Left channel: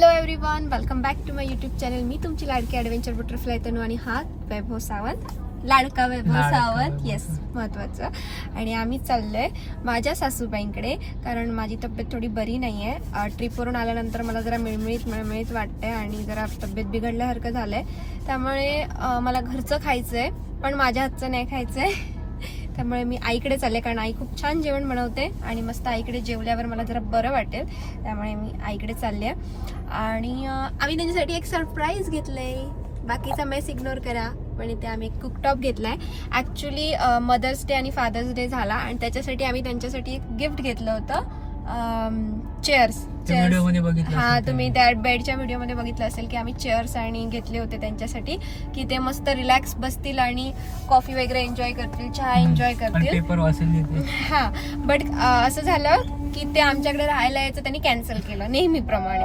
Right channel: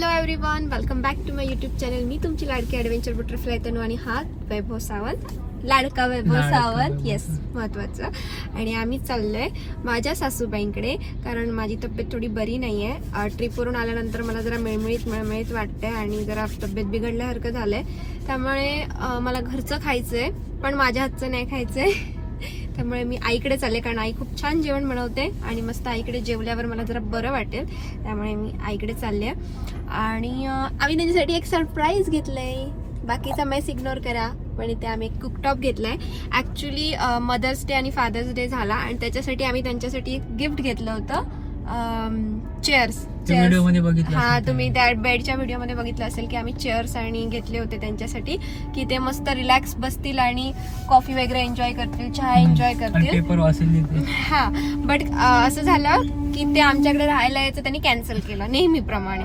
Hello everyone, welcome back to my YouTube channel. मी तुमची लाडकी ॲडव्हेंचर बटरफ्लाय तनू आणि हा वैभव सावंत, लाडका वैभव सावंत. येस, महत्वाचं. आणि आम्ही चाललोय माझ्या सासूबाईंकडे, कारण माझी तब्येत थोडी बरी नाही आहे. ट्रिपवरून आल्यानंतर मला जरा मिळमिळीत वाटतंय आणि जरा तब्येत बिघडल्यासारखं झालंय. त्यामुळे मला घरचं खायचंय, पण माझ्या हातचं नाही खायचंय. त्यामुळे मी आईकडे चालले, कारण आई खूप छान जेवण बनवते आणि मस्त आईकडे जेवल्यावर मला जरा बरं वाटेल. त्यामुळे मी आईकडे चालले आणि आम्ही त्यांच्यासाठी एक सरप्राईज घेतलंय. बाकीचा मेस इग्नोर करा, पण इथे आम्ही एक कुकटॉप घेतलाय. ऍक्च्युली मदर्स डे आणि फादर्स डे झाला आणि त्याच्यासाठी आम्ही त्यांच्यासाठी एक गिफ्ट घेतलं होतं. चेअर्स. हा, तुम्ही त्या बेडच्या व्हिडिओमध्ये बघितलं असेल की आम्ही चेअर्स आणि घेतले होते त्यांच्यासाठी, की ते मस्त रिलॅक्स बसतील आणि कॉफी वगैरे एन्जॉय करतील, चहा एन्जॉय करतील. हा, बट असं झालं की ते आमच्याकडे राहायला यायचं त्यांनी कॅन्सल केलं नेहमीप्रमाणे.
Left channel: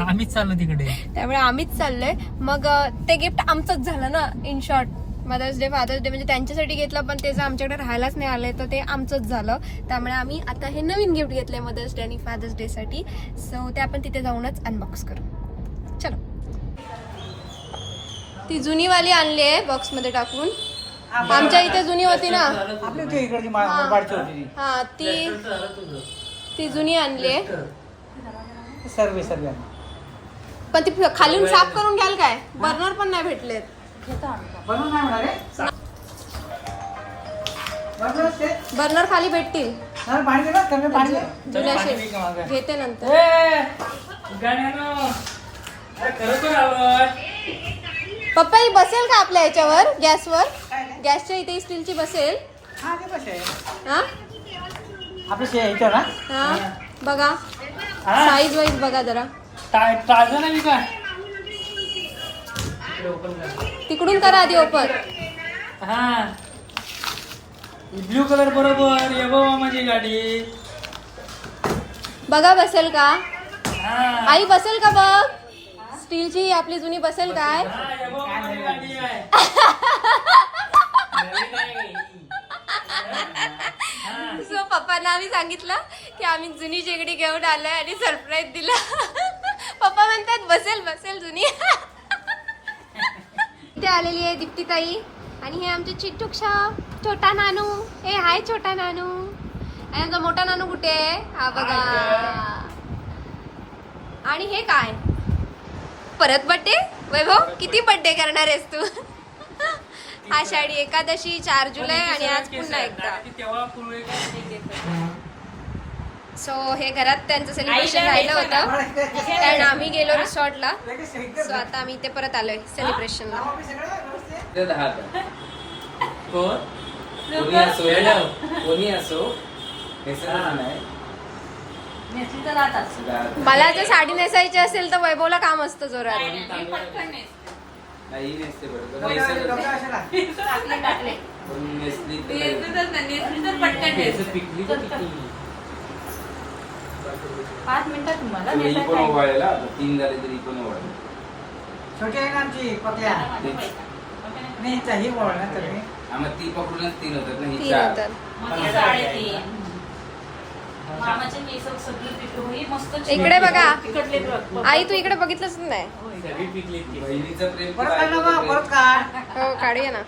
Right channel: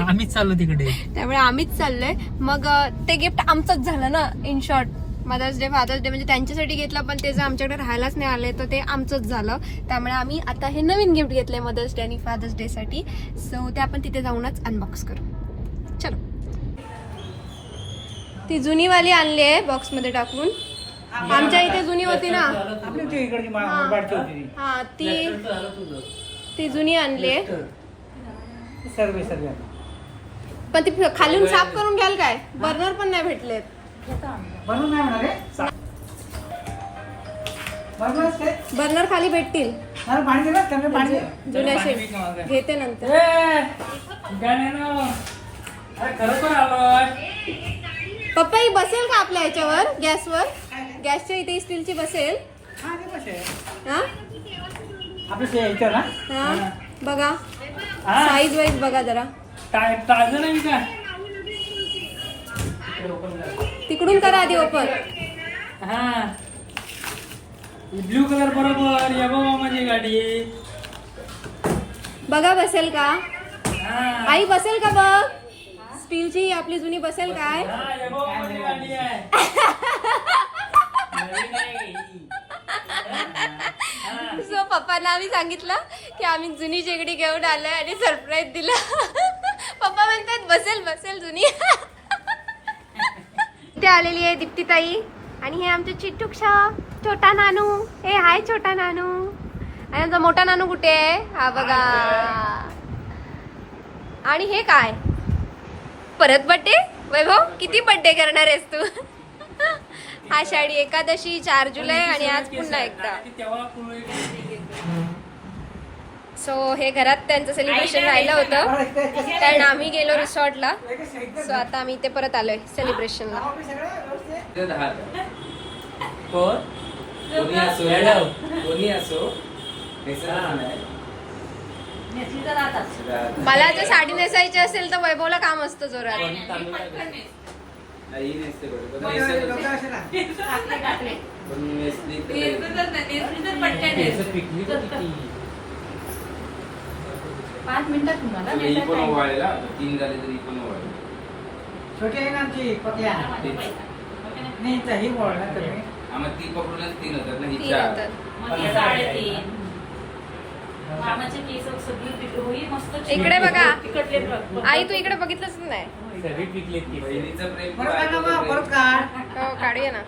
आम्हीच चाललो तिकडे, त्यामुळे आम्हीच चाललोय. मग ते गिफ्ट आमचंच झालं ना. In short, mother's day father's day म्हणजे त्यांच्यासाठी घेतलं, पण ते जर आमच्याकडे राहायलाच नाही आले तर ते आमचंच झालं. त्यामुळे आम्ही आता हे नवीन गिफ्ट घेतलंय मदर्स डे आणि फादर्स डे साठी. सो ते आपण तिथे जाऊनच अनबॉक्स करू. चलो. ती जुनी वाली आणली आहे बॉक्स मध्ये टाकून. आमच्या इथे जुनी होती ना. हा, ती जुनी आणली आहे. पण ती खालून साफ करून घ्याल काय? बर्नर पण नाही भेटलेत. बर्नर खाली भेटतील. जुन्याशे घेते नंतर. पप्पा ही बसेल का आपल्या याच्यावर, गॅसवर? गॅसच्या इथे स्टीलची बसेल? हा, बघा साईज वाईज बघा जरा. तिकडून करा आधी ओपन. ब्ल्यू कलर बरोबर माझी गाडी. बघा बसेल का आई? बसेल का बघ? स्टीलची आपली जुनी बसेल काय? सो पप्पांना आम्ही सांगितलं की आम्ही जुनी शेगडी घेऊन आलोय आणि सरप्राईज दिला. पप्पा म्हणतात बसेल बसेल जुनी. इथे आलेली आहे दीप्ती ताई आणि हे आमचे चिट्टूक्षा छोटा नानू. हे हाय छोटा नानू. आणि आमचा मोठा नानू कुठे आहे? हा बघा. आणि हे काय? परत बर्थडे? वैभव, किती बर्थडे करणार आहेस तू? आषाढी एकादशी, 4 जुलै आणि आज पुन्हा एकदा. सो हे घरात त्यांचं सेलिब्रेशन राहिलं होतं, कारण आम्ही गेलो रिसॉर्टला. सो आता आम्ही इथे परत आलोय सेलिब्रेशनला. मला जर साडी नेसायची असेल तर वैभवला काम असतं जोरात. इकडे बघा आई, तू इकडे बघितलंच नाही. हो, काढूया ना.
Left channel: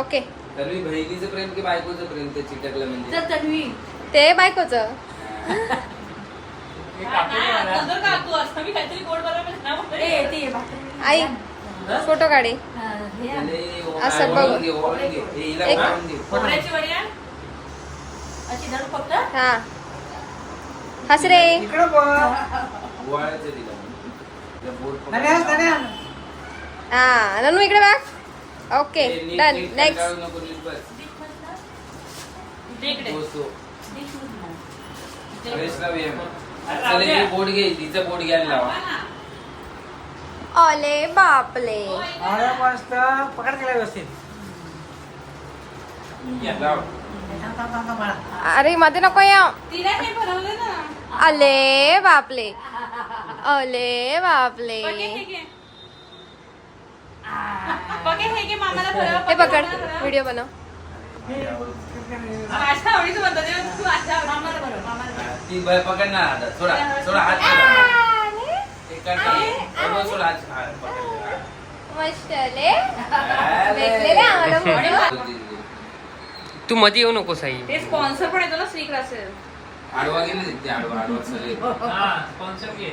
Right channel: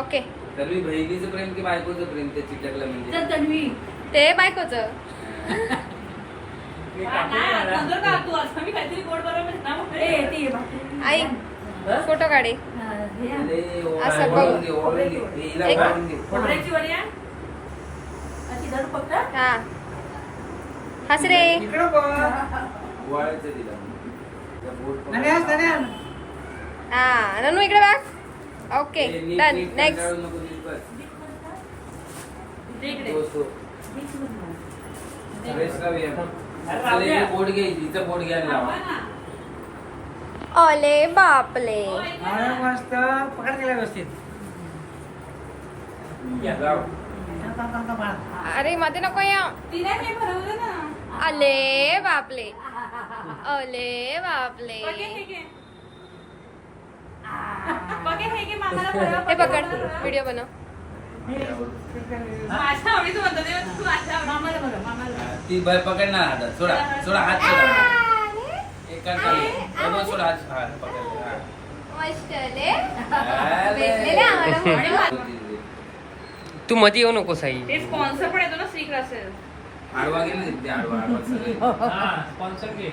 ओके. बहिणीचं प्रेम की बायकोचं प्रेम ते चिटकलं म्हणजे ते बायकोचं. आई फोटो काढे असं बघ. हा, हस रे. हा, ननू इकडे बघ. Okay, done. नेक्स्ट. बोट घे, तिचं बोट घ्यायला लावा. ओले बापले. अरे मध्ये नको या. अले बापले, अले बापले. हे पकड, व्हिडिओ बनव. ती बाय पकडणार हातात. सोडा सोडा हात सोडा. एक काढ खाली. वैभव सोडा हात. हा, पकडलं. हा. मस्त आले. तू मध्ये येऊ नको साई. स्पॉन्सर पण येतो ना श्री क्लासेस. आडवा गेली ती, आडवा चल. हा स्पॉन्सर घे.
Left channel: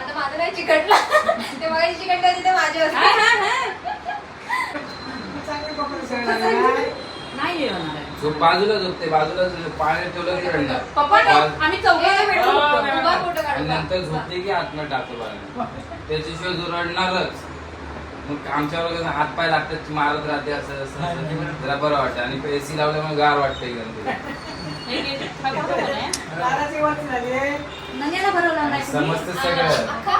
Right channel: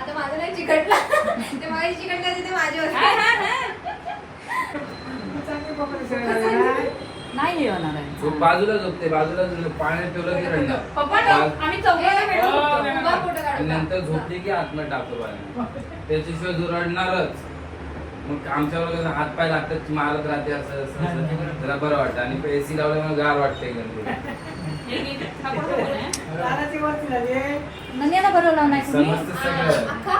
आता माझं नाही चिकटला. ते मला चिकटलं होते ते माझे होते. नाही येणार. झोप बाजूला झोपते, बाजूला पाण्यात ठेवलं की रडणार. पप्पा आम्ही चौघे भेटू. उभा फोटो आणि काढू. नंतर झोपली की आतमध्ये टाकतो पाण्यात. त्याच्याशिवाय जो रडणारच. मग आमच्यावर कसं हात पाय लागतात, मारत राहते असं असं जरा बरं वाटतं. आणि एसी लावलं मग गार वाटतं एकदम पुढे. नंद्याला भरवलं नाही. समजतं सगळं. अख्खा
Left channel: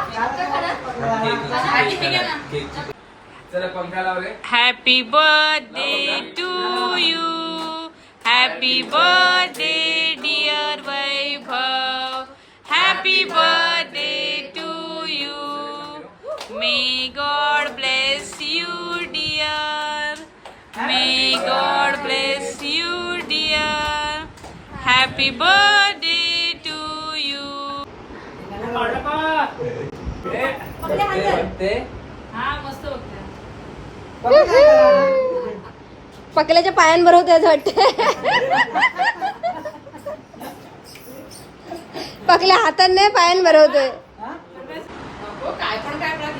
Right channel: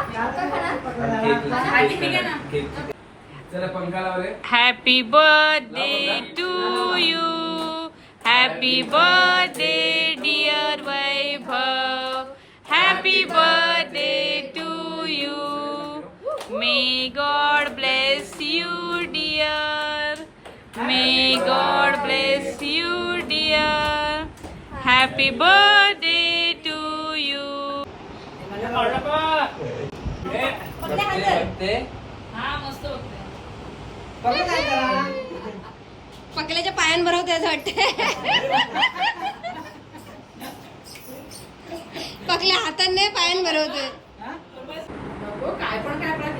खाना. केक. चला पंखा लावले. Happy birthday to you. Happy birthday dear Vaibhav. Happy birthday to you. May God bless you, dear. May God bless you, dear. Happy birthday to you. बघते. हा मस्त बघते. पकल्याच्या पायांवर होते असं वाटते. पकल्या हाताने नाही पायांवर होते. काय पण काय आपल्याला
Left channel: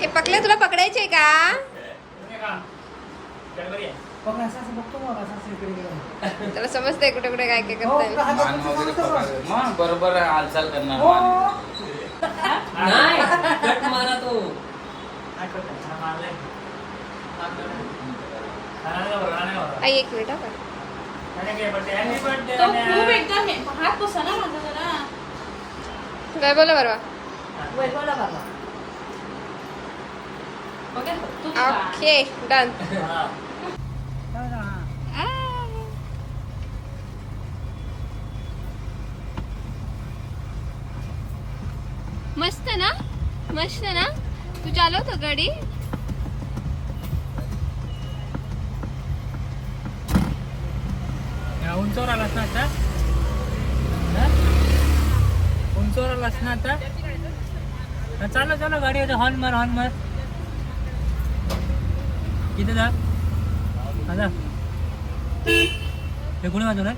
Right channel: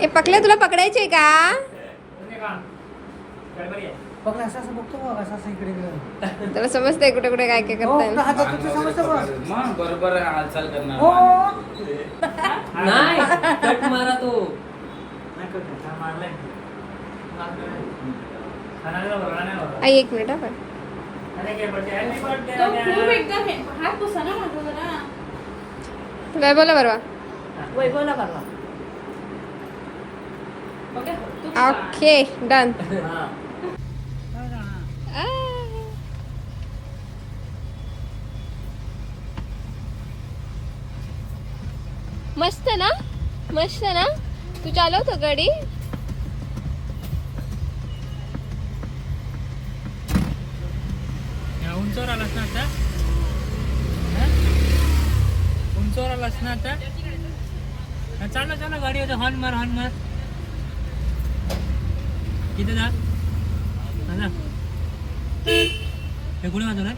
हे पकल्या तुला पकडायचे का? त्याला समजतंय कुठे कुठे काय काय करतात. मान वगैरे पकडलं. मग बरोबर हालचाल करणार. नाही कट मारा तू. एक मिनिट हं. तो खूप एकदा हात पुसा ना माझा जरा. वैभवला बरोबर. वैभवला बघा. बघा, तू खा. Okay done. मस्त ना, मस्त ना. तू चालवतो गाडी. उंचावर आलास ना आता? उंचावर आलास ना आता? चालू चालू गाडी आता. हॉर्न मार, हॉर्न मार. किती जा आता हे कुणी वाजवलंय?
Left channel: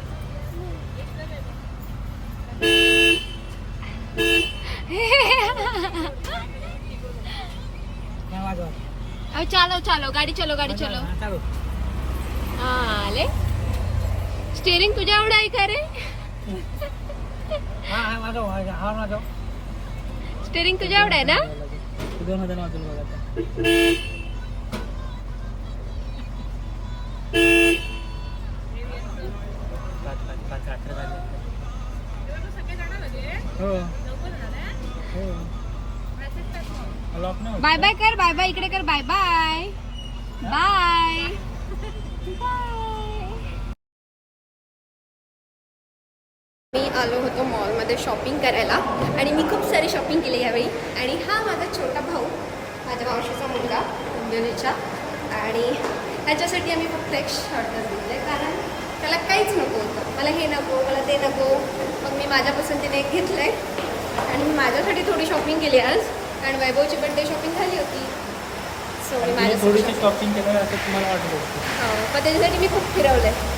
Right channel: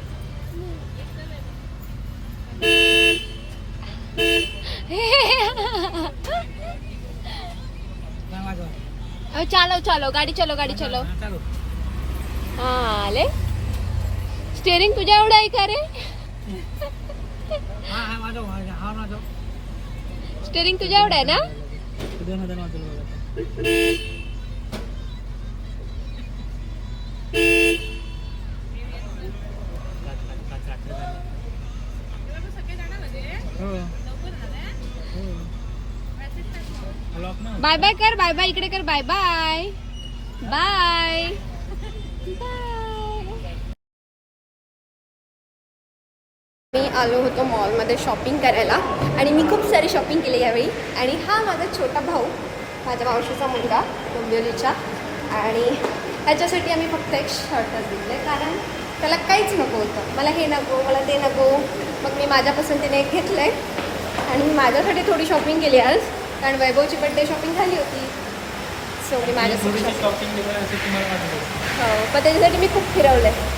चालव चालव गाडी चलो, गाडी चलो. चालू. आले. स्टेअरिंग तुझ्या एवढं आहे का रे? हा हा वाजव, हा वाजव. स्टेअरिंग तुझ्या एवढं आहे ना? दोन हजार वाजवलं बघा आता. हो हो. लॉक नाही. बाय बाय कर, बाय बाय इकडे कर. Bye bye bye bye. मी आलो होतो मॉलमध्ये शॉपिंग करायला आणि मी खूप सारी शॉपिंग केली यावेळी. आणि हा माझा छोटा भाऊ, माझ्या मावशीचा मुलगा डोंबिवलीचा. आणि ह्याच्यासाठी आम्ही फक्त एक शर्टच दिले, कारण त्याला काहीच नको होतं. मला हे नको, मला ते नको. मग मी माझ्या पसंतीने एक घेतलं आहे आणि मी माझ्यासाठी थोडी शॉपिंग केली आज, कारण वैभवची बड्डे शॉपिंग झाली होती. सो मी माझ्यासाठी शॉपिंग केलं असं तुम्हाला वाटत. हो, पण त्याच्यासाठी मी खूप फिरवलं आहे.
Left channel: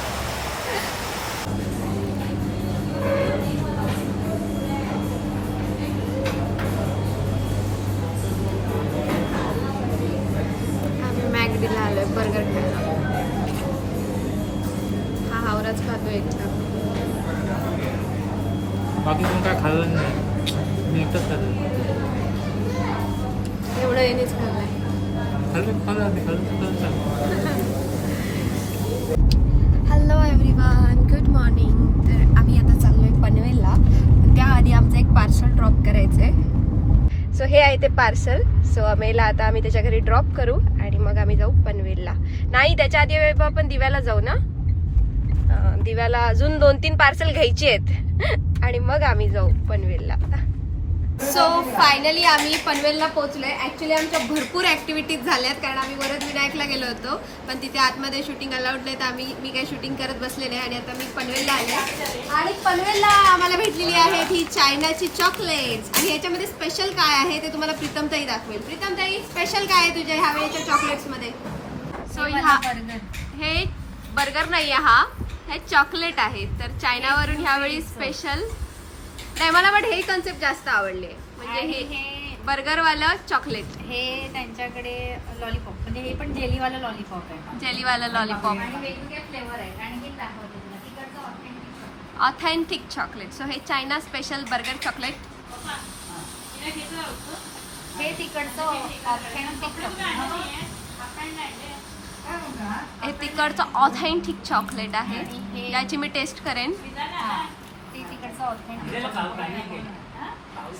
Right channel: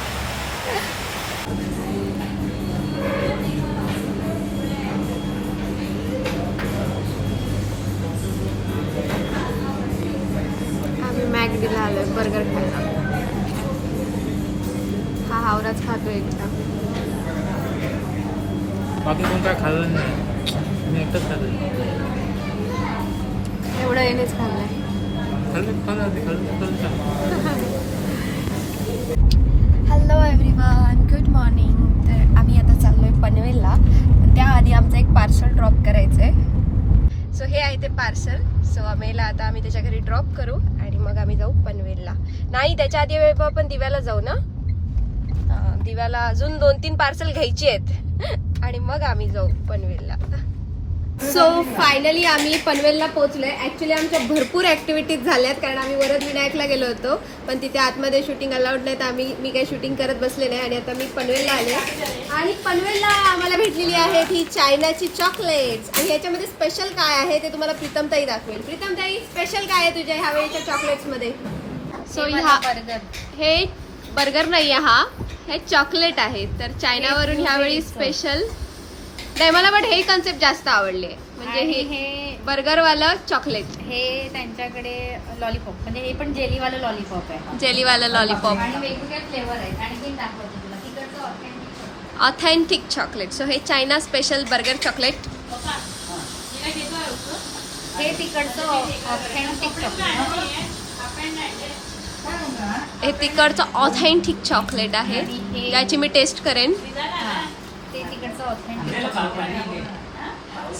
आम्ही मॅगडीला आलोय बर्गर खायला. हा हावराच खातो एकदा. बाकी कोण काय खाल्लं नाही, मी एकटाच खाल्लं. एवढं येणेच खाल्लंय. Hello everyone, good morning. तर आम्ही आता चाललोय पनवेलला, पण त्याआधी आमचं एक पार्सल ड्रॉप करायचं आहे. सो हे आहे ते पार्सल. सो आम्हाला आता आम्ही त्याच्या घरी ड्रॉप करू आणि मग आम्ही जाऊ पनवेलला. नाही, त्याच्या आधी आपण दिव्याला जाऊ ना. दिव्याला अजून 2-3 पार्सल घ्यायची आहेत आणि मग आम्ही जाऊ पनवेलला. सो फायनली आम्ही पनवेलला पोहोचलोय. ऍक्च्युली आमच्या भरपूर ऍक्टिव्हिटीज झाल्यात कारण आम्ही वरद विनायकला गेलो होतो पण तिथे आतमध्ये शूटिंग अलाउड नाही तर मी काही शूटिंग करत बसले नाही आणि आता मी पनवेलला आले आणि पनवेलला आम्हाला भेटलेली आहेत ही चायनाची चॉकलेट्स आणि ह्याच्यामध्ये स्पेशल काय आहे ते तुम्हाला प्रीतमताई दाखवेल. प्रीतमताई स्पेशल काय आहे तुझ्या ह्यावेळीच्या चॉकलेट्स मध्ये? सो हे बर्गर नाहीये हे चॉकलेट आहे तर चायनावरून ह्यावेळी स्पेशल नाही मला बट हे कन्सेप्ट जास्त आवडले म्हणजे हे बर्गरवालं चॉकलेट हे त्यांच्याकडे लॉलीपॉप म्हणजे हे पण जेलीवालं लॉलीपॉप आहे. जेलीवाला लॉलीपॉप आणि वेगवेगळे फ्लेवर आहेत आणि हे दाखवते तुला तिकडचं ऑथेंटिक ऑथेंटिक चॉकलेट. सो हे चायना स्पेशल बर्गर चॉकलेट. हे तिकडचं ऑथेंटिक चॉकलेट हे तिकडचं ऑथेंटिक चॉकलेट आहे ज्याची मी टेस्ट करेन. ते तिकडचं ऑथेंटिक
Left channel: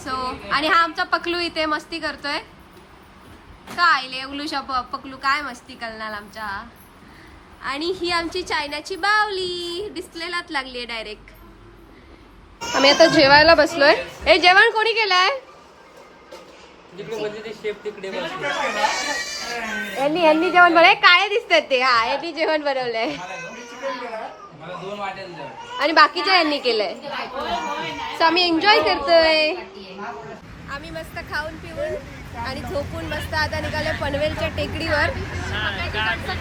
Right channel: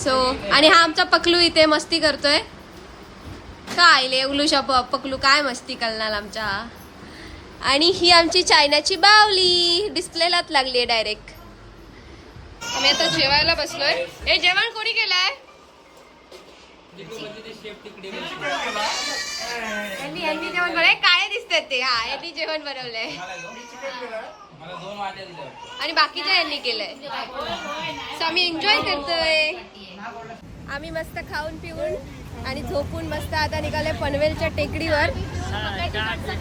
सो आणि हा आमचा पकलू इथे मस्ती करतोय काय ले उलूशा पकलू काय मस्ती करणार आमच्या. आणि ही आमची चायनाची बावली डिस्प्लेलाच लागली आहे डायरेक्ट. आम्ही आता जेवायला बसलोय. हे जेवण कोणी केलंय? यांनी जेवण बनवलंय. काय दिसतात ते? हा यांनी जेवण बनवलंय आणि बाकीच्या यांनी केलंय. सो आम्ही एन्जॉय करतोय. आम्ही मस्त खाऊन पिऊन आणि झोपून मस्त आता निघालोय पनवेलच्या टेकडीवर.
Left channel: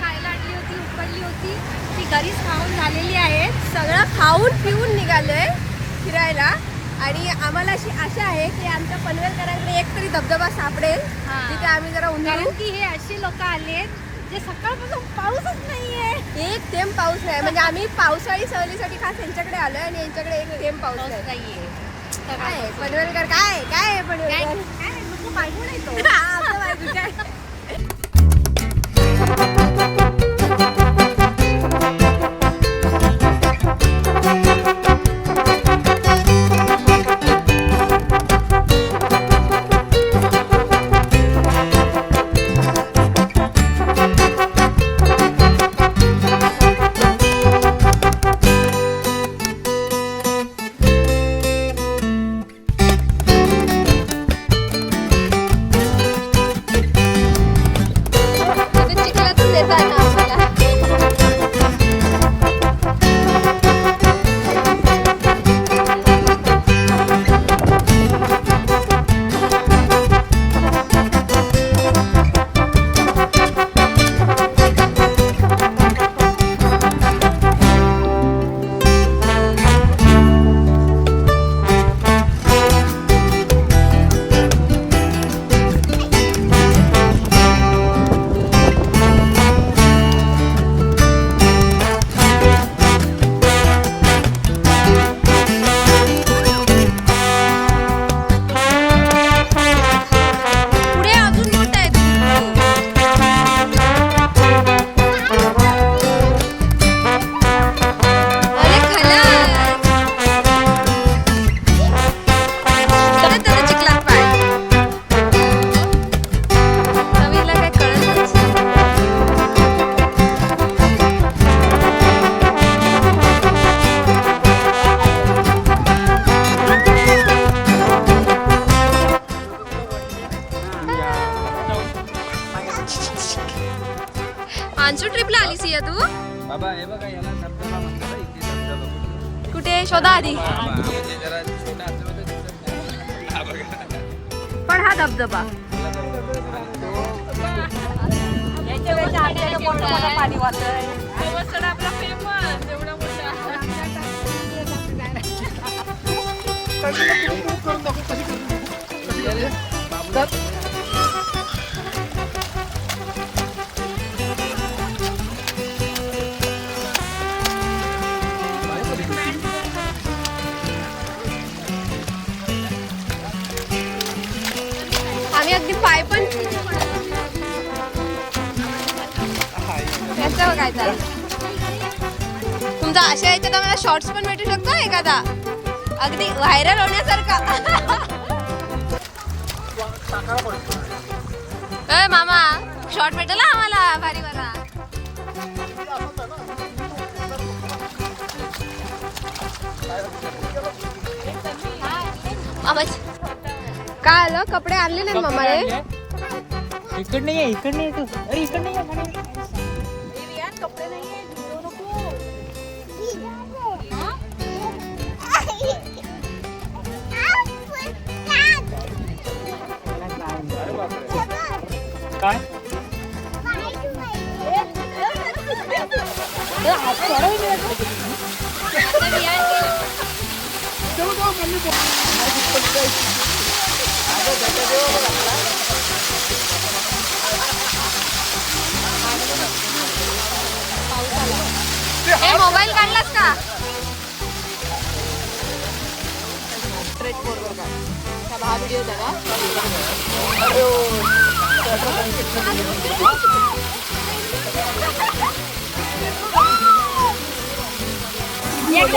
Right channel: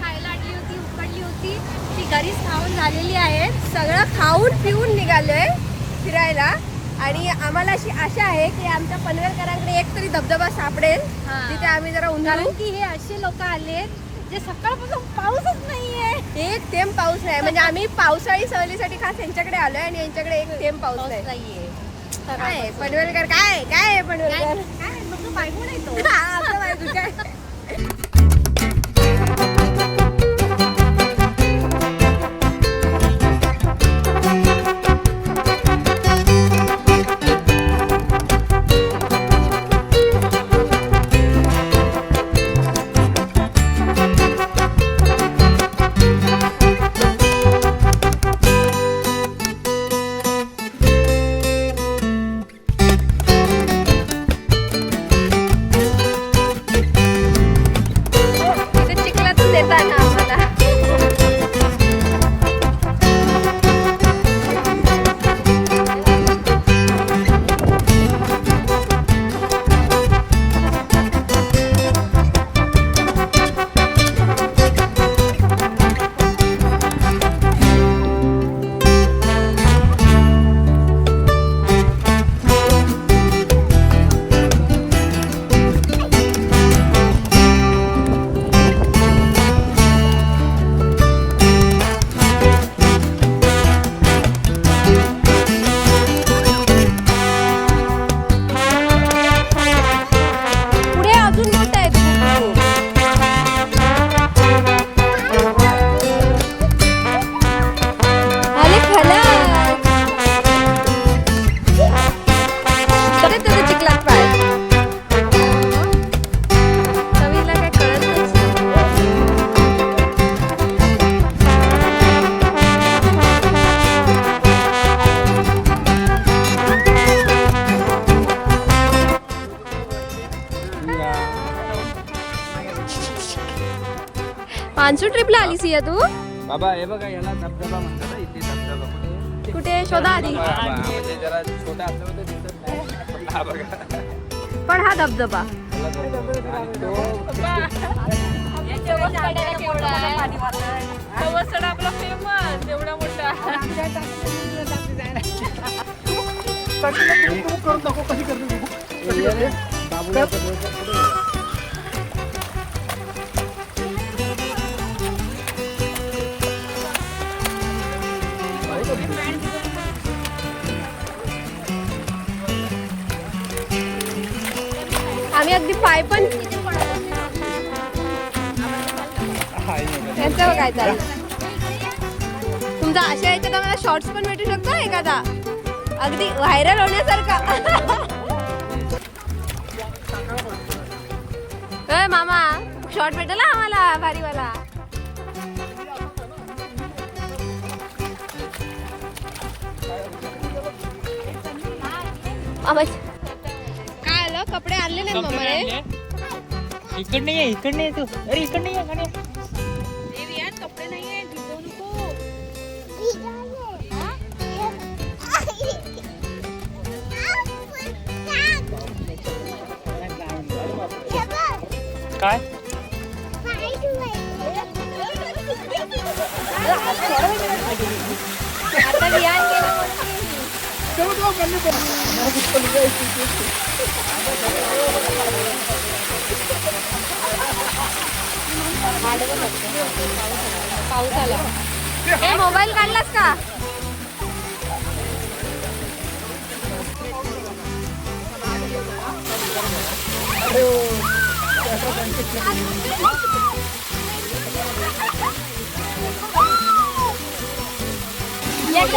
खायला आणली होती उकडली होती ती घरीच खाऊन झालेली आहे. सगळं खाऊन पिऊन निघालोय फिरायला आणि आम्हाला अशी आशा आहे की आमच्या पनवेलकरांकडे एक तरी धबधबा सापडेल तिथे आम्ही जरा उन्हाळू की हे असे लोक आले जे सकाळपासून पाऊसच नाहीये. एक थेंब पाऊस नाही म्हणजे आम्ही पावसाळी सहलीसाठी खास यांच्याकडे आलोय आणि यांच्याकडे एक थेंब पाऊस नाहीये. काय पनवेलकर काय काय पनवेलकर काय मग बायको नाही तो आपला बायको काय. पांचू ट्रिपला आलीस या तू? बाबा हे बघा याला धबधबा म्हणतात. इथे धबधबा कुठे शोधा आधी. पण हा धबधबा आपला फेमस एवढा मोठा. आम्ही अगदी पाय पण त्यांच्यावर काय चाललं तुमचा अशा याच्यात आम्हाला शॉर्ट्स पण भेटू शकतो एखादा अगदी व्हायरल होण्यासारखा. मामा शॉर्ट भेटेल आम्हाला भारीवाला. मामा झालं कपडे आणले नाही मम्माने. इकडे ये इकडे ये तू. अरे इकडे ये म्हणे. काय हे मोबाईल काढलास का?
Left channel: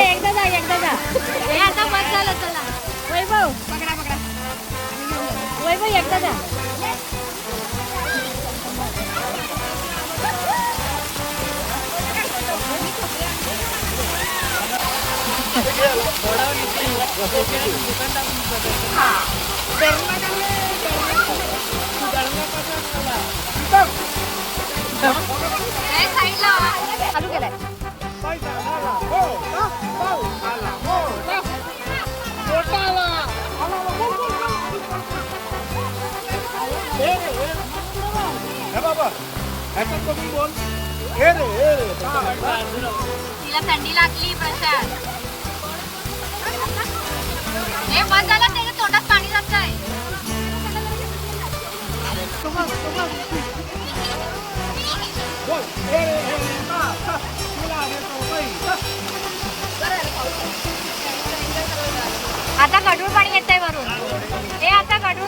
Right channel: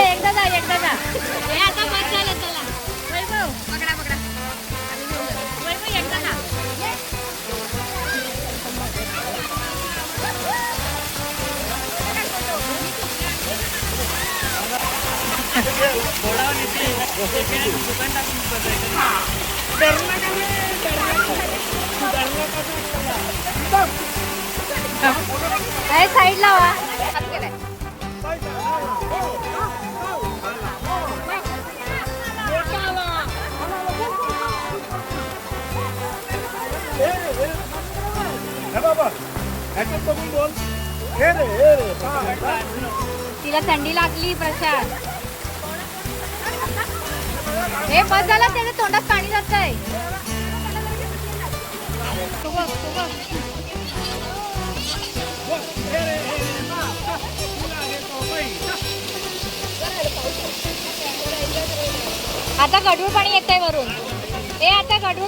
एकदा जा हे आता बस झालं. चला वैभव वैभव एकदा जा. काय साईडला वा. तिला थंडी लागली प्रशांत. हे बस झालं त्याच्या तोंडात पाणी जातंय. आता गडूळ पाणी येतंय वरून. हे आता गडूळ.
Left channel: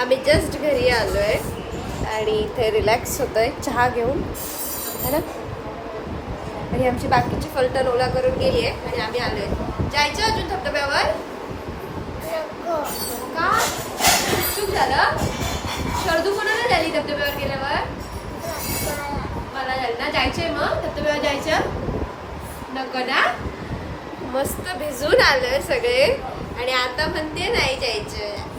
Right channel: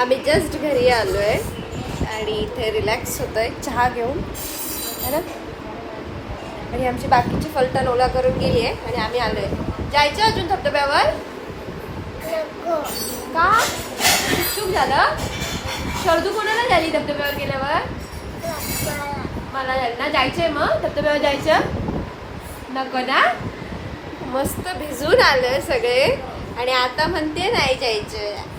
आम्ही जस्ट घरी आलोय आणि इथे रिलॅक्स होतोय चहा घेऊन है ना. आणि आमची बाकीची फलटण ओला करून गेली आहे आणि आम्ही आलोय. जायचं अजून धबधब्यावर का? चूक झालं. शर्दू कोणाला झाली धबधब्यावर गेल्यावर? मला ना जायचंय. मग धबधब्यावर जायचं नको ना. मस्त भिजून आलोय सगळे आणि आता म्हणते नाही जायचं.